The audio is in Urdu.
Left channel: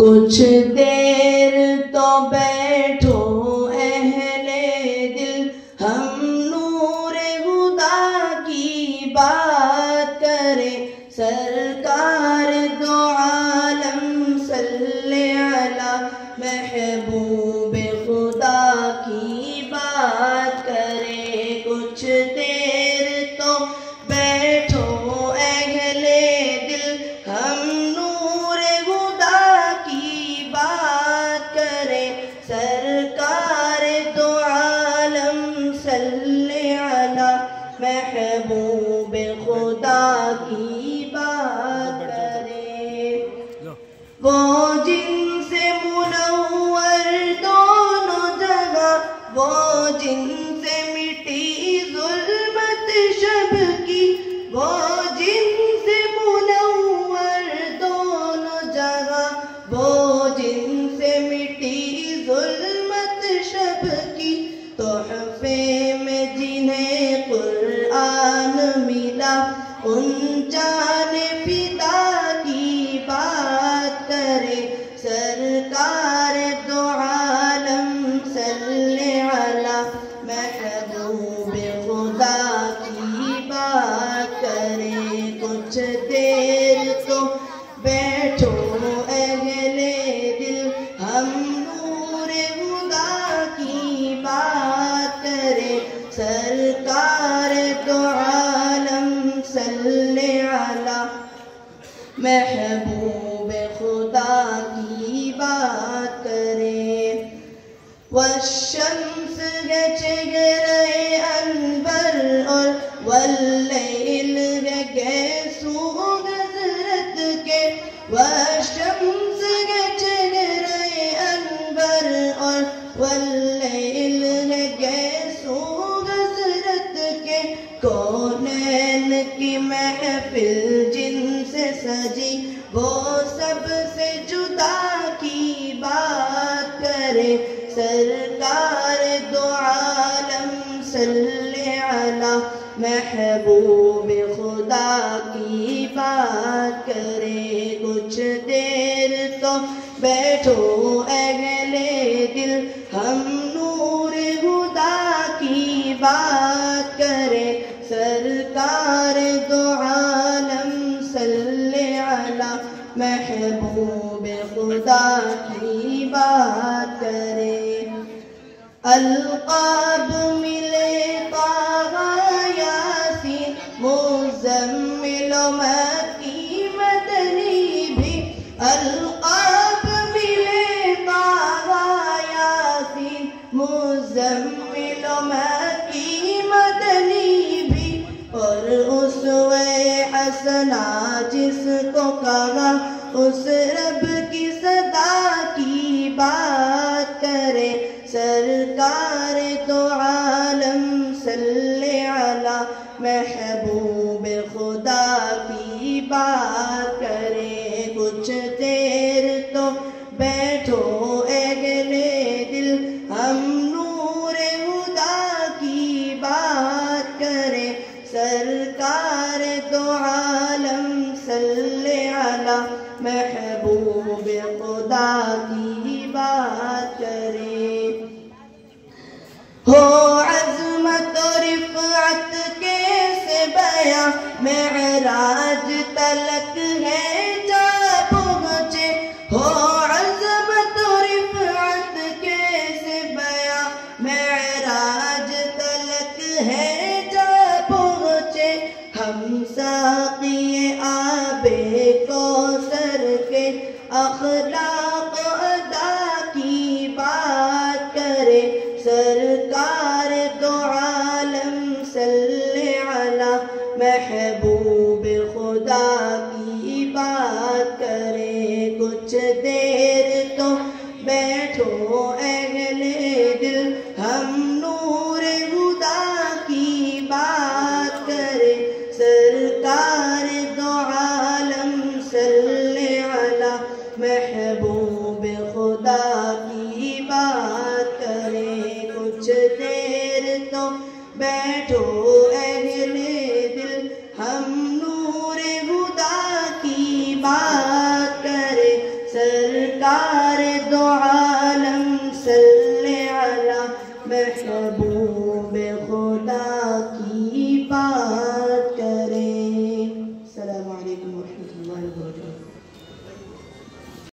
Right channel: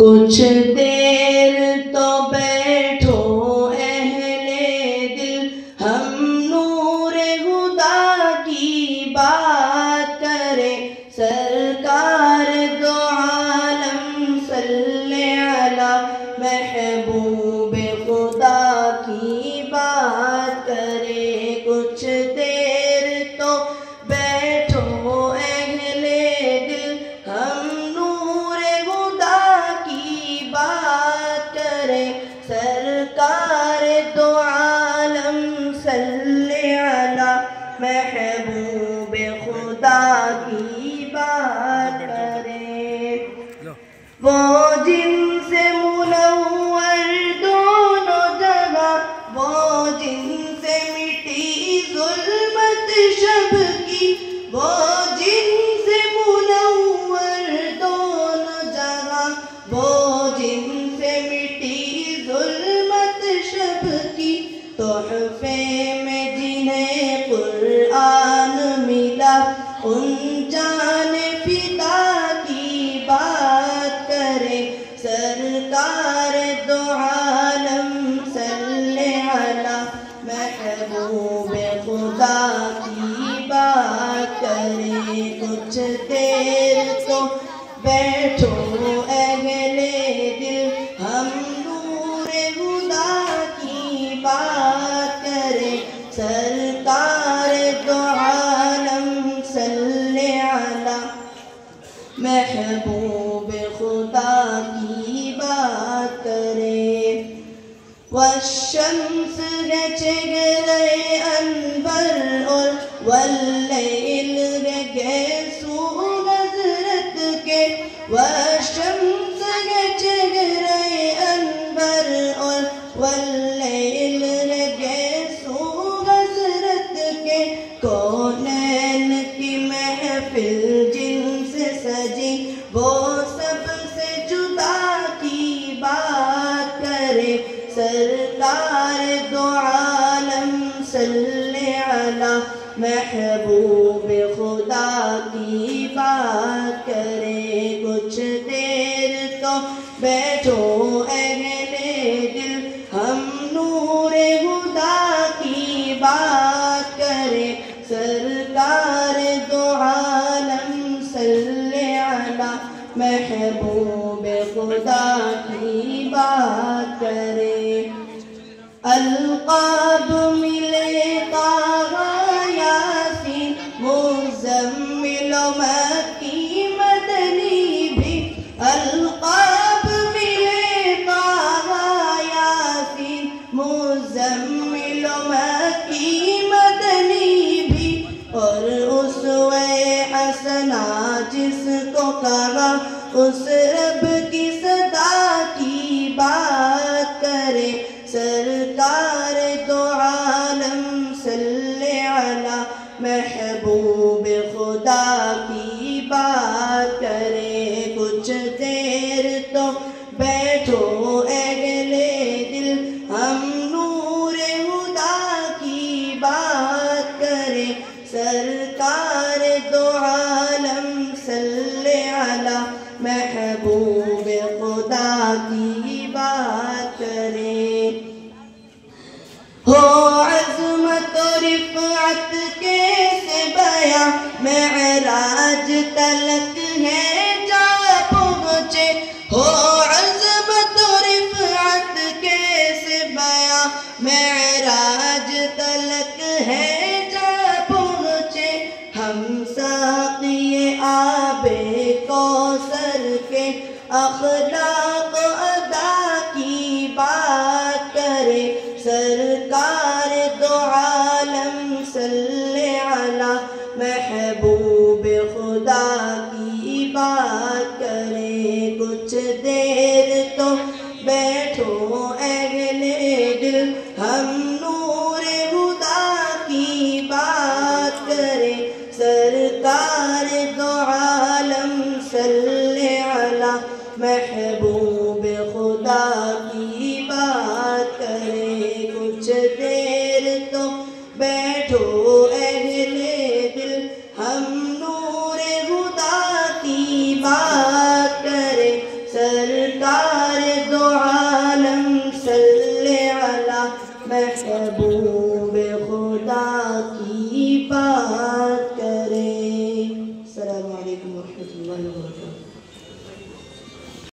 کچھ دیر تو بیٹھو اہل دل، ہم نور خدا کی بات کریں، سرکار دو عالم صلی علی محبوب خدا کی بات کریں۔ کچھ دیر تو بیٹھو اہل دل، ہم نور خدا کی بات کریں، سرکار دو عالم صلی علی محبوب خدا کی بات کریں۔ وہ جن سے منور دونوں جگہ، وہ جن سے مٹی ظلمت شب کی، وہ جن سے منور دونوں جگہ، وہ جن سے مٹی ظلمت شب کی، تحفے میں جنہیں قرآن ملا، ان جان فدا کی بات کریں، سرکار دو عالم صلی علی محبوب خدا کی بات کریں۔ کچھ دیر تو بیٹھو اہل دل، ہم نور خدا کی بات کریں، سرکار دو عالم صلی علی محبوب خدا کی بات کریں۔ والشمس گچگرے انبر اور واللیل گیسو حضرت کے، والشمس گچگرے انبر اور واللیل گیسو حضرت کے، کونین کی محفل جن سے سجی، وہ سب سے جدا کی بات کرے، سرکار دو عالم صلی علی محبوب خدا کی بات کرے۔ کچھ دیر تو بیٹھو اہل دل، ہم نور خدا کی بات کریں، سرکار دو عالم صلی علی محبوب خدا کی بات کریں۔ القاب ملے طٰہٰ یاسین مزمل و مکی مدنی بھی، القاب ملے طٰہٰ یاسین مزمل و مکی مدنی بھی، اور اسوہ حسنہ جس کو کہا اس رب کی صدا کی بات کرے، سرکار دو عالم صلی علی محبوب خدا کی بات کرے۔ کچھ دیر تو بیٹھو اہل دل، ہم نور خدا کی بات کریں، سرکار دو عالم صلی علی محبوب خدا کی بات کریں۔ ہو عظمت و رفعت کیسے بیاں، معراج تلک ہے جا پہنچے، ہو عظمت و رفعت کیسے بیاں، معراج تلک ہے جا پہنچے، ہم ساقی آب کوثر کے اخلاق ادا کی بات کرے، سرکار دو عالم صلی علی محبوب خدا کی بات کرے۔ کچھ دیر تو بیٹھو اہل دل، ہم نور خدا کی بات کرے، سرکار دو عالم صلی علی محبوب